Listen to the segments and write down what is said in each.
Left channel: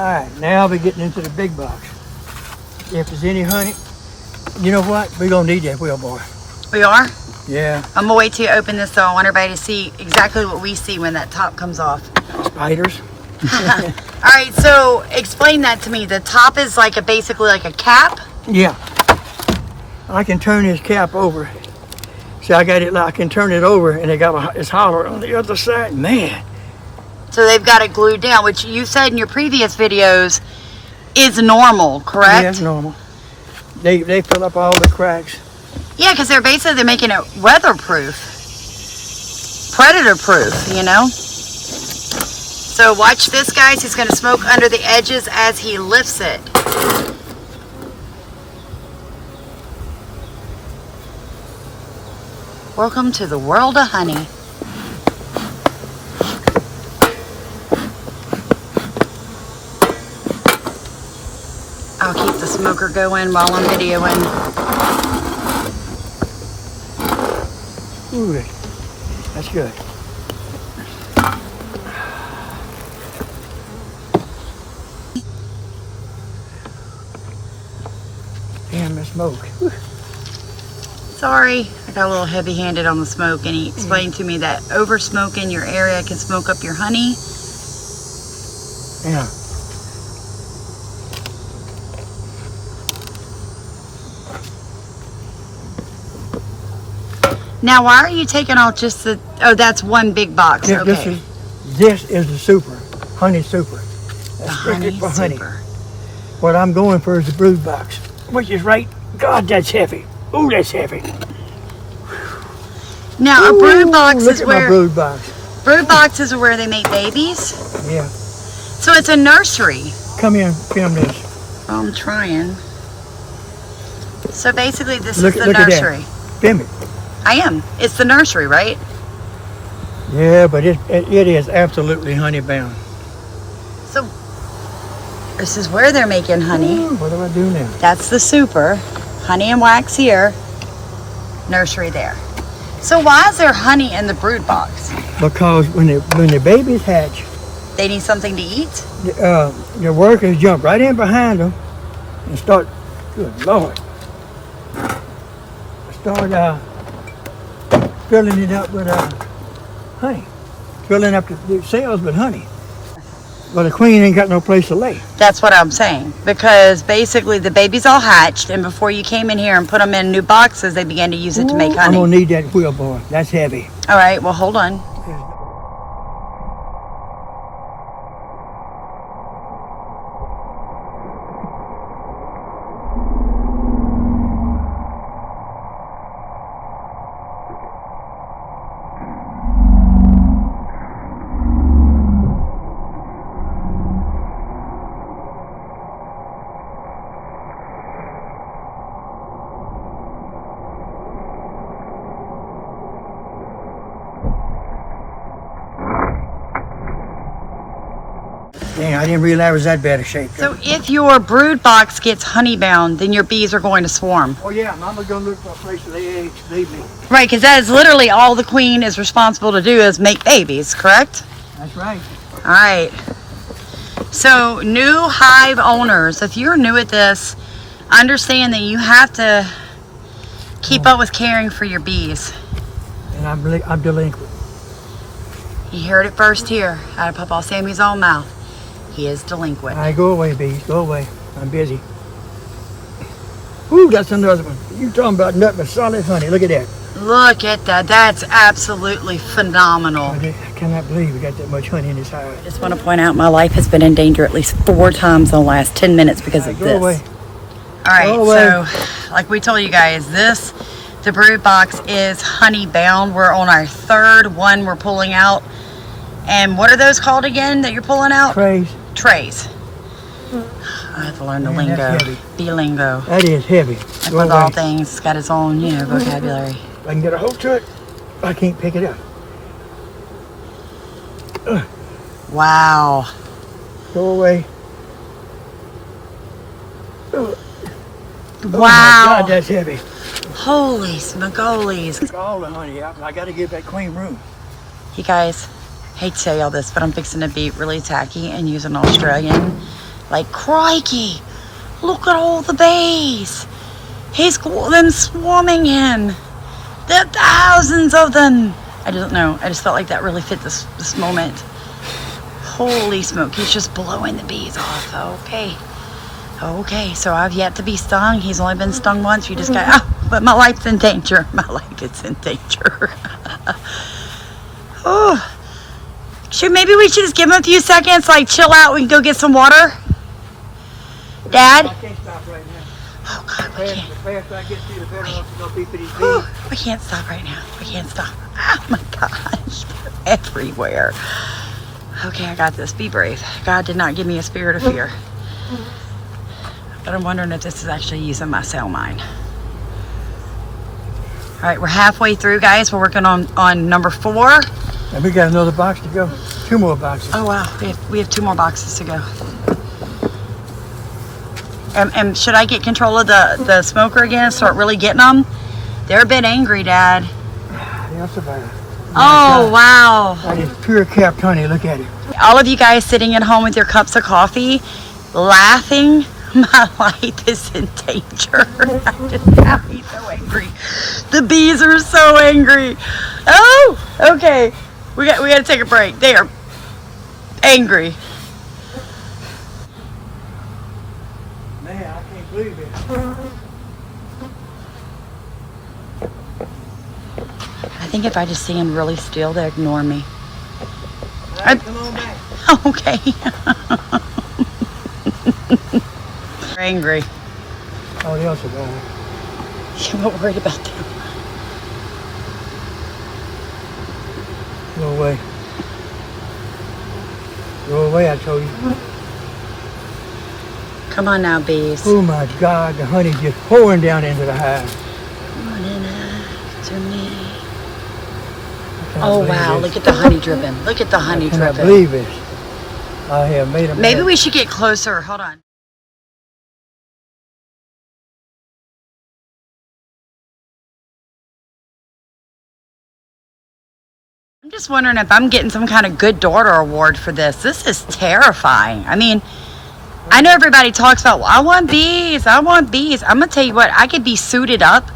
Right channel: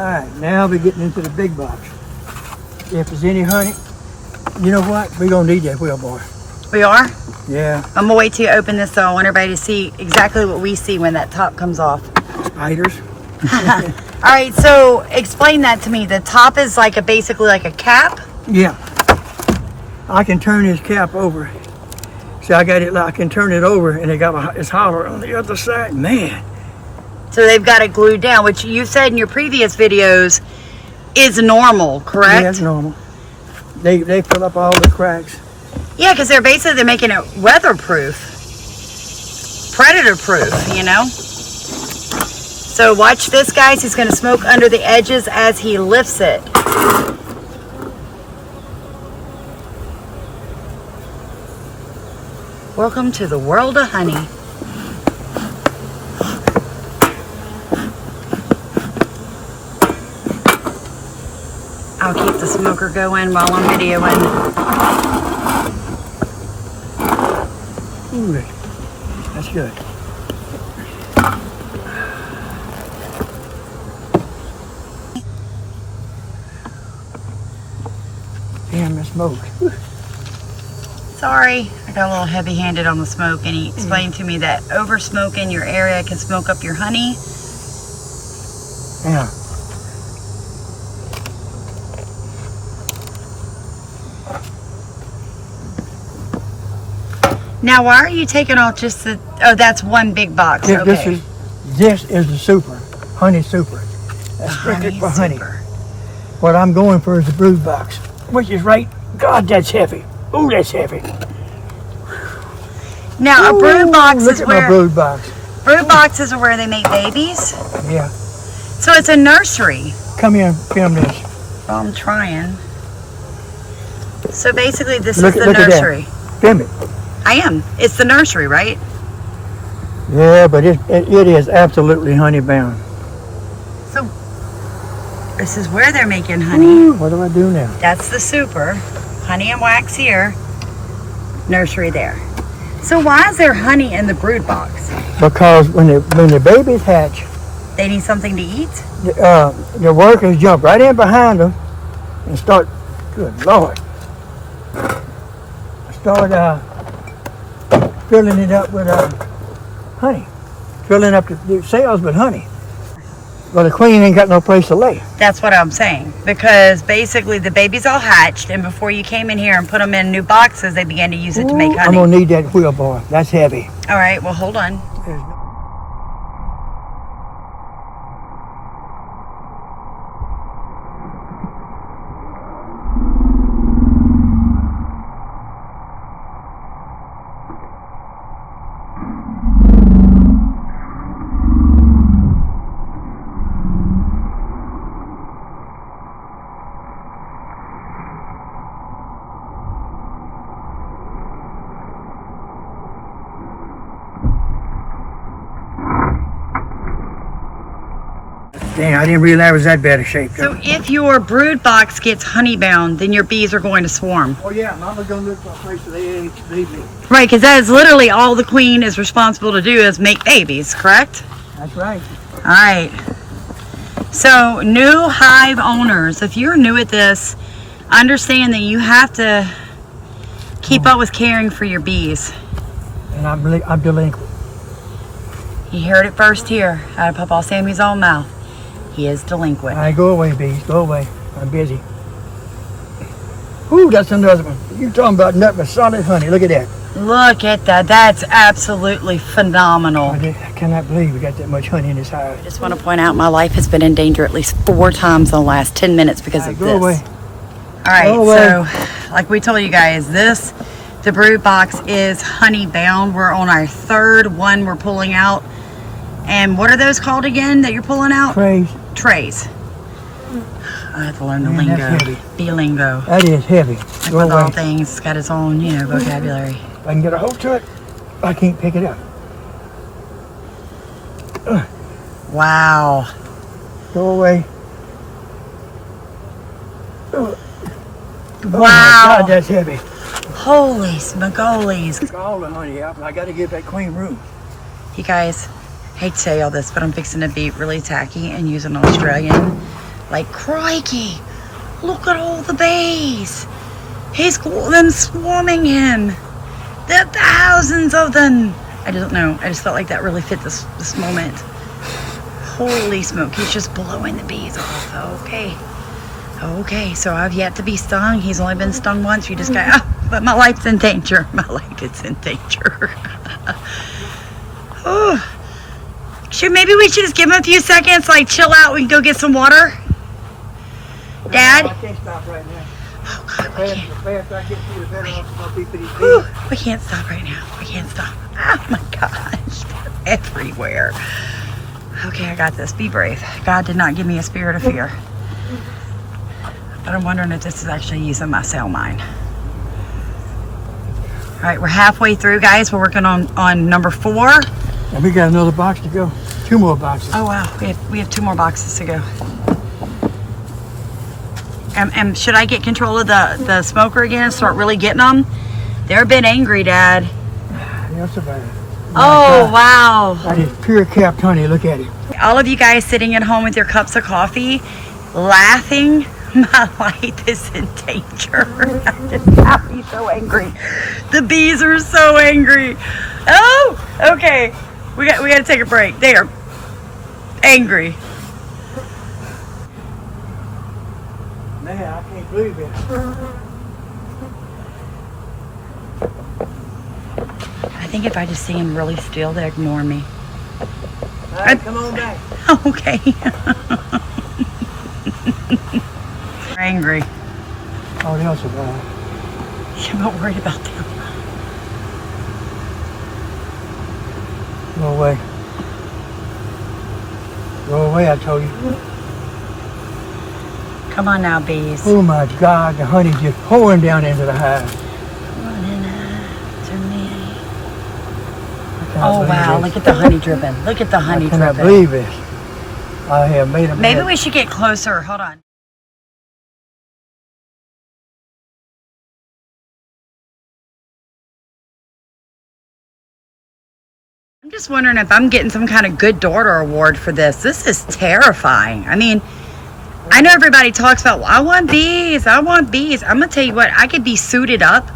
Alright, now we're getting into the big box. If there's any honey, you know what? We're going to need that wheel bar. We are? Yeah. I'm gonna wait till you open this, so I want everybody to see exactly what we see when that top comes off. Spiders. All right, so explain that to me. The top is like basically like a cap. Yeah. I can turn this cap over. See, I got it. I can turn it over, and it's hollow on the other side. Man. So they've got it glued down, which you said in your previous videos is normal, correct? Yeah, it's normal. They fill up all the cracks. Yeah, because they're making it weatherproof, predator-proof, you know? So watch this, guys. He's going to smoke under the edges as he lifts it. Welcome to the world of honey. I'll keep the smoker going while I'm videoing. Ooh, that's good. Damn, the smoke. Sorry, I got a little heavy-handed on the smoke, and he explained to me that over smoking your area can smoke up your honey. Yeah. Now, why are you taking off just the? Oh, that's one big box. This, Okay. this is the super, honey super. That's strictly for honey. Super. What I'm going for is the brood box, which is right. God, that's heavy. Ooh, that's heavy. Now, a brood box look is at where my brood box. brood boxes are where they make babies. Yeah. So it's a nursery. Come here, film this. Well, I'm trying. So basically, this Look is the at that. nursery. Film it. I am. It's the nursery, right? Yeah, but it is absolutely honey bound. So this is where they're making honey. What do I do now? That's the super. Honey and wax here. Nursery there. So why is there honey in the brood box? Because when the babies hatch, They need something to eat? the workers jump right in behind them and start. Good Lord. Start filling it up with honey. Filling up the cells with honey. Well, the queen ain't got no place to lay. That's what I'm saying. Because basically the babies all hatched, and before you came in here and put them in new boxes, they began to use it to make honey. I'm gonna need that wheel bar. That's heavy. All right, well, hold on. Dang, I didn't realize it was that bad a shape. So if your brood box gets honey bound, then your bees are going to swarm. Oh yeah, Mama's gonna look for a place to lay eggs, baby. Right, because that is literally all the queen is responsible to do is make babies, correct? That's right. All right. So new hive owners, if you're new at this, understand that you have to keep up with caring for your bees. And I'm delinquent. You heard it first here out of Pawpaw Sammy's own mouth. He is delinquent. All right, go away, bees. Go away. I'm busy. Ooh, that's another one. You talking about nothing but solid honey. Look at that. Look at that. That's absolutely phenomenal. I cannot believe we got that much honey in this hive. I just want to point out my life has been in danger at least 4 times in the last 10 minutes because of Go this. away. All right, Go away. so like we told you guys, the brood box is honey bound. We're on our 3rd one we're pulling out. And what are those called again that you're pulling out? Trays. Trays. I have to learn the Man, lingo. that's heavy. Bee lingo. That is heavy. Like Go with all away. things, it's got its own, vocabulary. If I can get a hold to it, I can't pick it up. Wow. Go away. Wow. Oh my God, that's heavy. Holy smagolies. Took all the honey out, and I got to give that queen room. You guys, hate to tell y'all this, but I'm fixing to be really tacky and use an Australian Like, crikey, look at all the bees. He's got them swarming him. There are thousands of them. I don't know. I just felt like that really fit this moment. Holy smoke, he's just blowing the bees off. Okay. Okay, so I've yet to be stung. He's only been stung once. You just got, but my life's in danger. My life is in danger. Oh. Maybe we should just give him a few seconds, like chill out. We can go get some water. Dad? I can't stop right now. Oh God, we can't stop right now. We can't stop. Oh my gosh, everywhere. Okay, I got this. Be brave. God did not give me a spirit of fear. But I'm wondering if this is actually using my cell mine. All right, we're halfway through, guys. We're working on number 4. And we got another box to go. 2 more boxes. Oh wow, we have 2 more boxes to go. And should I get control of the smoker again and start really getting them? They're a bit angry, Dad. That's about it. Oh, wow. That is pure capped honey. Look at it. All of you guys sitting at home with your cups of coffee, laughing. My life is in danger. That just got me so angry. The bees are so angry. Oh, okay. We got to take a break. They are angry. Man, I can't believe it. I think if I just sing them really still, they ignore me. All right, come on back. Okay. They're angry. Oh, they also died. I'm not worried about them. Go away. Go away, I told you. Come on now, bees. Oh my God, the honey's just pouring down into the hive. Oh wow, look at the honey dripping. Look at the honey I cannot dripping. believe it. I have made a Maybe we should get closer. Hold on. I'm just wondering if I'm getting some kind of good daughter award for this. This is terrifying. I mean, I know everybody talks about, well, I want bees. I want bees. I'm going to tell you what, I could be suited up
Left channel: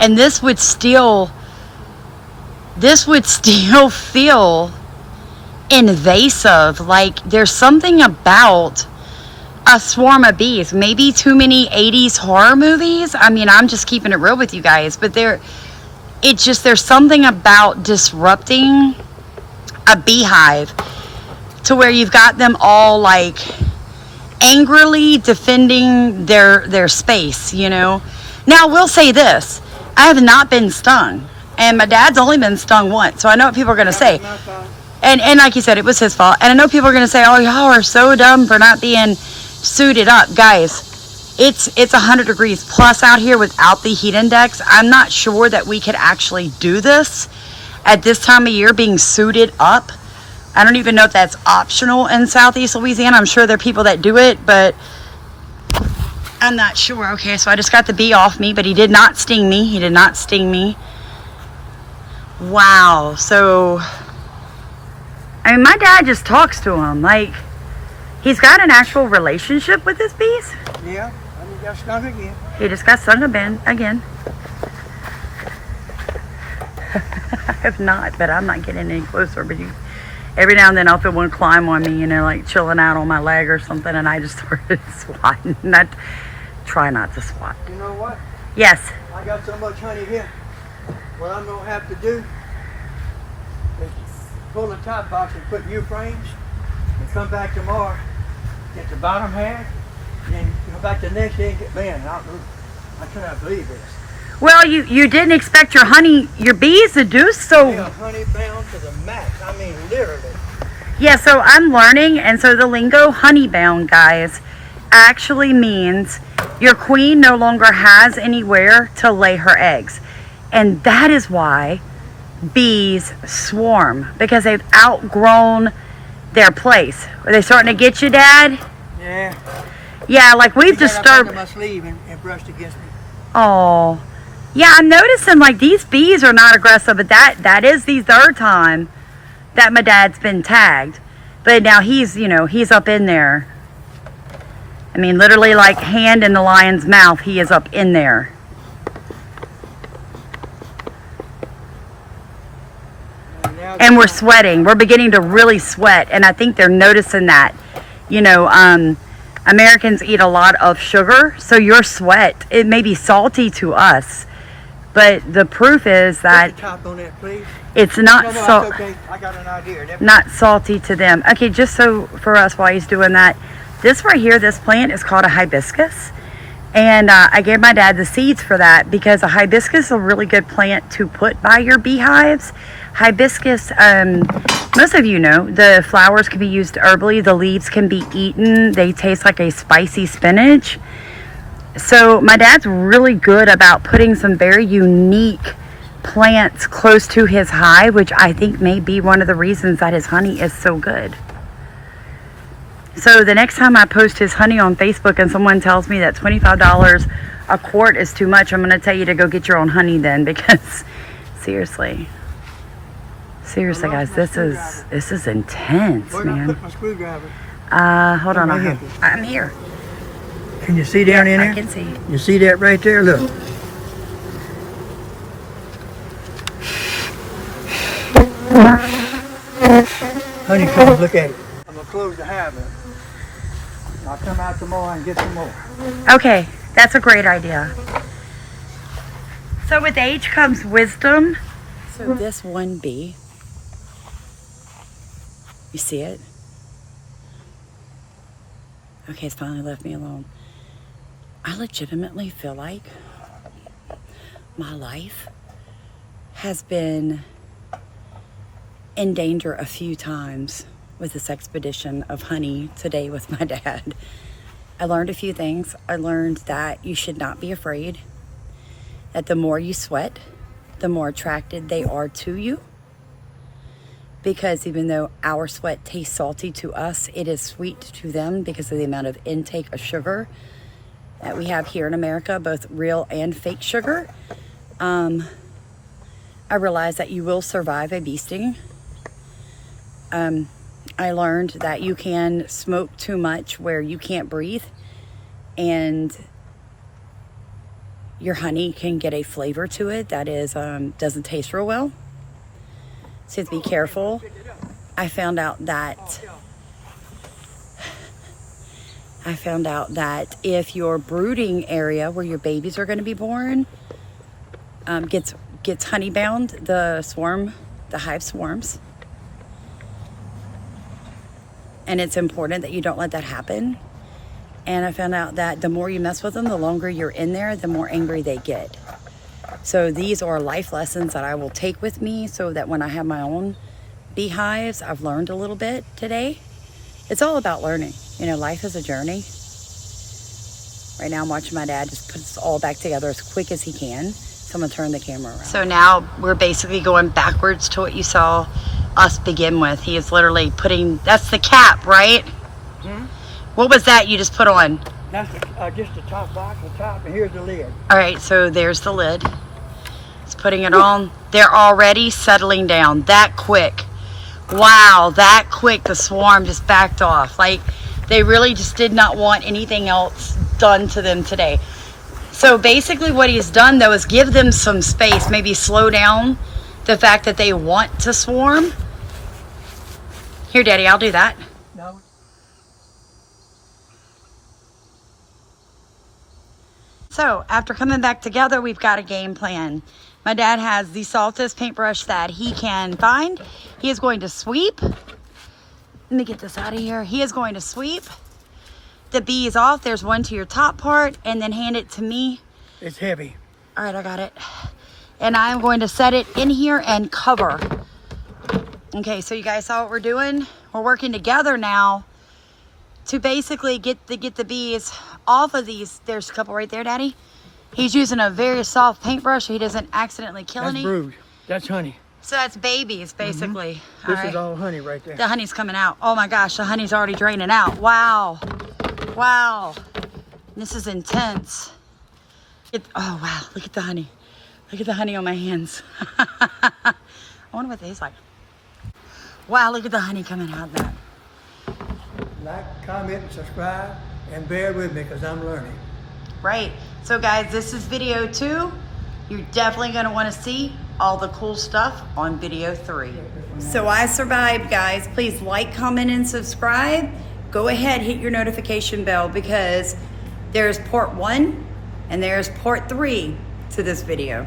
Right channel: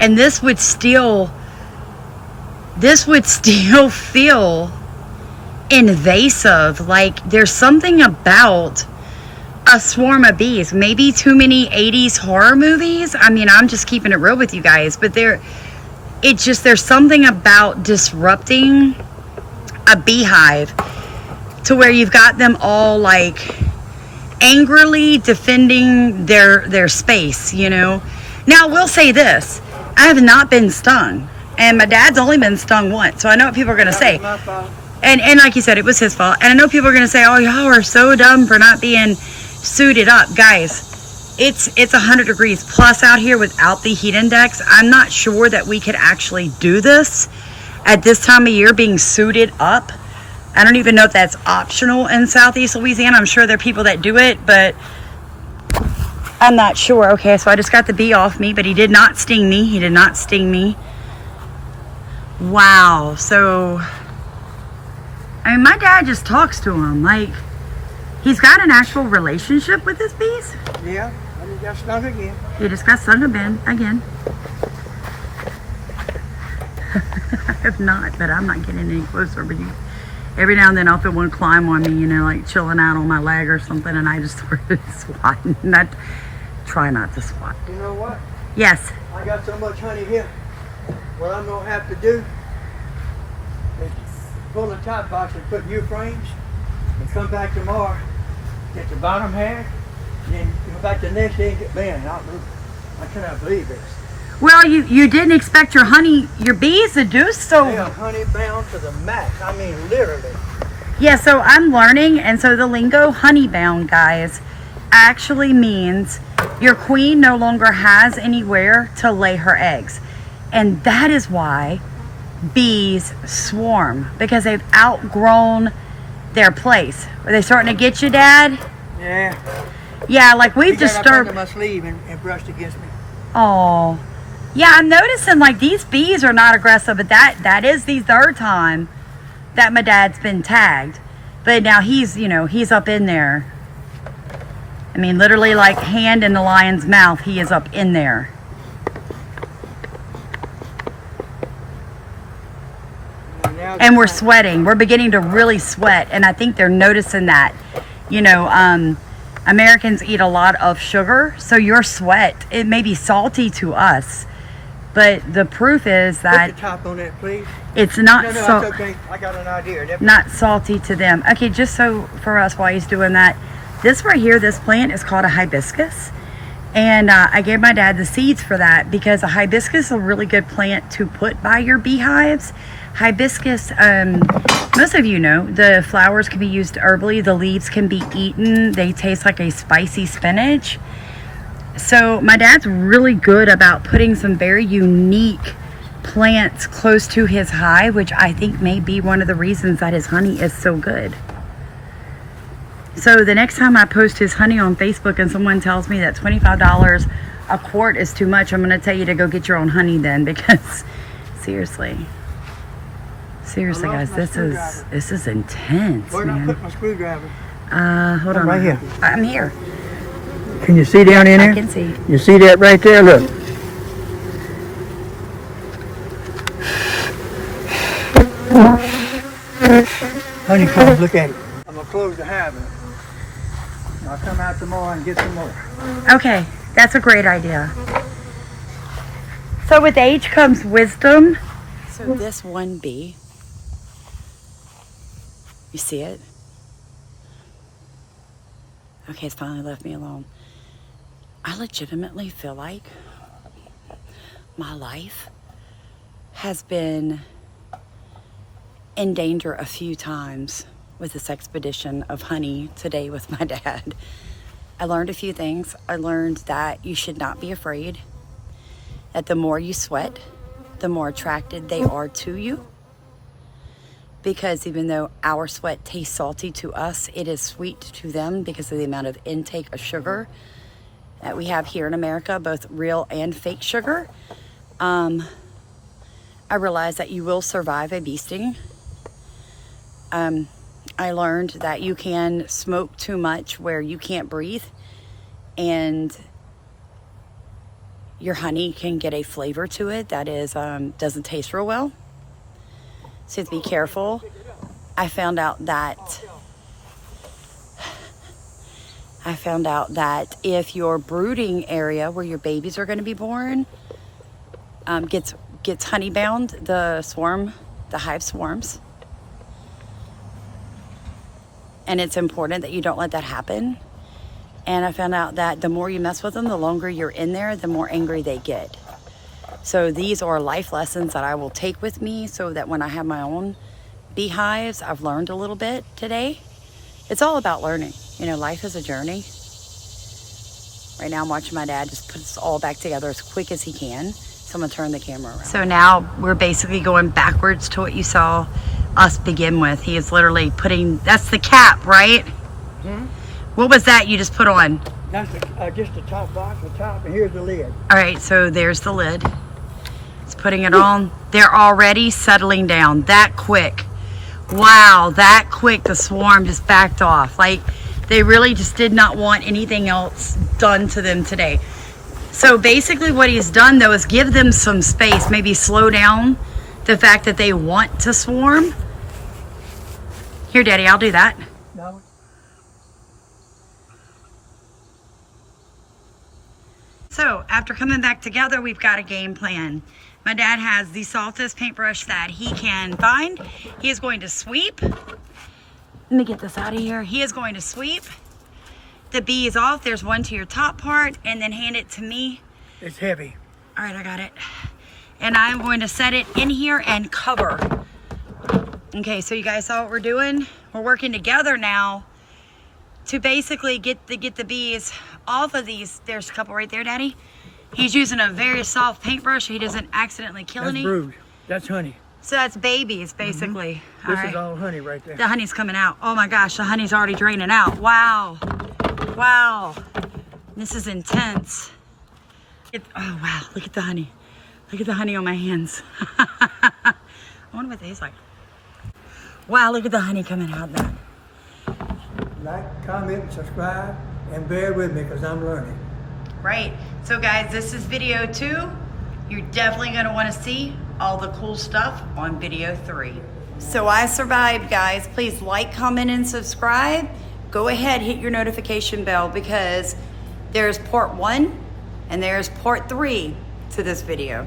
and this would still feel invasive. Like there's something about a swarm of bees. Maybe too many 80s horror movies. I mean, I'm just keeping it real with you guys, but there's something about disrupting a beehive to where you've got them all like angrily defending their space, you know. Now, we'll say this. I have not been stung. And my dad's only been stung once. So I know what people are going to say. And like you said, it was his fault. And I know people are going to say, oh, y'all are so dumb for not being suited up. Guys, it's 100 degrees plus out here without the heat index. I'm not sure that we could actually do this at this time of year being suited up. I don't even know if that's optional in Southeast Louisiana. I'm sure there are people that do it, but I'm not sure. Okay, so I just got the bee off me, but he did not sting me. He did not sting me. Wow. So, I mean, my dad just talks to him. Like, he's got an actual relationship with his bees. Yeah, I just got stung again. He just got stung again. I have not, but I'm not getting any closer. But every now and then I'll feel one climb on me, you know, like chilling out on my leg or something, and I just started swatting. Try not to swat. You know what? Yes. I got so much honey here. What I'm going to have to do is pull the top box and put new frames and come back tomorrow, get the bottom half, and then go back the next day and get man. I cannot believe this. Well, you didn't expect your bees to do so. They are honey bound to the max. I mean, literally. Yeah, so I'm learning, and so the lingo honey bound, guys, actually means your queen no longer has anywhere to lay her eggs. And that is why bees swarm, because they've outgrown their place. Are they starting to get you, Dad? Yeah. Yeah, like we've disturbed. My sleeve and brushed against me. Oh. Yeah, I'm noticing like these bees are not aggressive, but that is the 3rd time that my dad's been tagged. But now he's up in there. I mean, literally like hand in the lion's mouth, he is up in there. And we're sweating. We're beginning to really sweat, and I think they're noticing that. You know, Americans eat a lot of sugar, so your sweat, it may be salty to us, but the proof is that put the top on that, please. It's not it's okay. I got an idea. Not salty to them. Okay, just so for us while he's doing that, this right here, this plant is called a hibiscus. And I gave my dad the seeds for that because a hibiscus is a really good plant to put by your beehives. Hibiscus, most of you know, the flowers can be used herbally. The leaves can be eaten. They taste like a spicy spinach. So my dad's really good about putting some very unique plants close to his hive, which I think may be one of the reasons that his honey is so good. So the next time I post his honey on Facebook and someone tells me that $25 a quart is too much, I'm going to tell you to go get your own honey then, because seriously guys, this is intense, Where did I put my screwdriver? Hold on, right here. I'm here. Can you see down in there? I can see. You see that right there? Look. Honeycomb, look at it. I'm gonna close the hive up. I'll come out tomorrow and get some more. Okay, that's a great idea. So with age comes wisdom. So this one bee, you see it? Okay, it's finally left me alone. I legitimately feel like my life has been in danger a few times with this expedition of honey today with my dad. I learned a few things. I learned that you should not be afraid, that the more you sweat, the more attracted they are to you. Because even though our sweat tastes salty to us, it is sweet to them because of the amount of intake of sugar that we have here in America, both real and fake sugar. I realized that you will survive a bee sting. I learned that you can smoke too much where you can't breathe, and your honey can get a flavor to it that is doesn't taste real well. So you have to be careful. I found out that if your brooding area where your babies are going to be born gets honey bound, the hive swarms. And it's important that you don't let that happen. And I found out that the more you mess with them, the longer you're in there, the more angry they get. So these are life lessons that I will take with me so that when I have my own beehives, I've learned a little bit today. It's all about learning. You know, life is a journey. Right now I'm watching my dad just put this all back together as quick as he can. So I'm gonna turn the camera around. So now we're basically going backwards to what you saw us begin with. He is literally putting, that's the cap, right? Hmm? What was that you just put on? That's just the top box, the top, and here's the lid. All right, so there's the lid. It's putting it on. They're already settling down that quick. Wow, that quick, the swarm just backed off. Like, they really just did not want anything else done to them today. So basically what he's done though is give them some space, maybe slow down the fact that they want to swarm. Here, Daddy, I'll do that. No. So after coming back together, we've got a game plan. My dad has the softest paintbrush that he can find. He is going to sweep. Let me get this out of here. He is going to sweep the bees off. There's one to your top part, and then hand it to me. It's heavy. All right, I got it. And I'm going to set it in here and cover. Okay, so you guys saw what we're doing? We're working together now to basically get the bees off of these. There's a couple right there, Daddy. He's using a very soft paintbrush so he doesn't accidentally kill any. That's brood. That's honey. So that's babies, basically. Mm-hmm. This is all honey right there. The honey's coming out. Oh my gosh, the honey's already draining out. Wow. Wow. This is intense. Oh wow, look at the honey. Look at the honey on my hands. I wonder what these like. Wow, look at the honey coming out there. Like, comment, and subscribe. And bear with me because I'm learning. Right. So guys, this is video 2. You're definitely going to want to see all the cool stuff on video 3. So I survived, guys. Please like, comment, and subscribe. Go ahead, hit your notification bell because there's part 1 and there's part 3 to this video.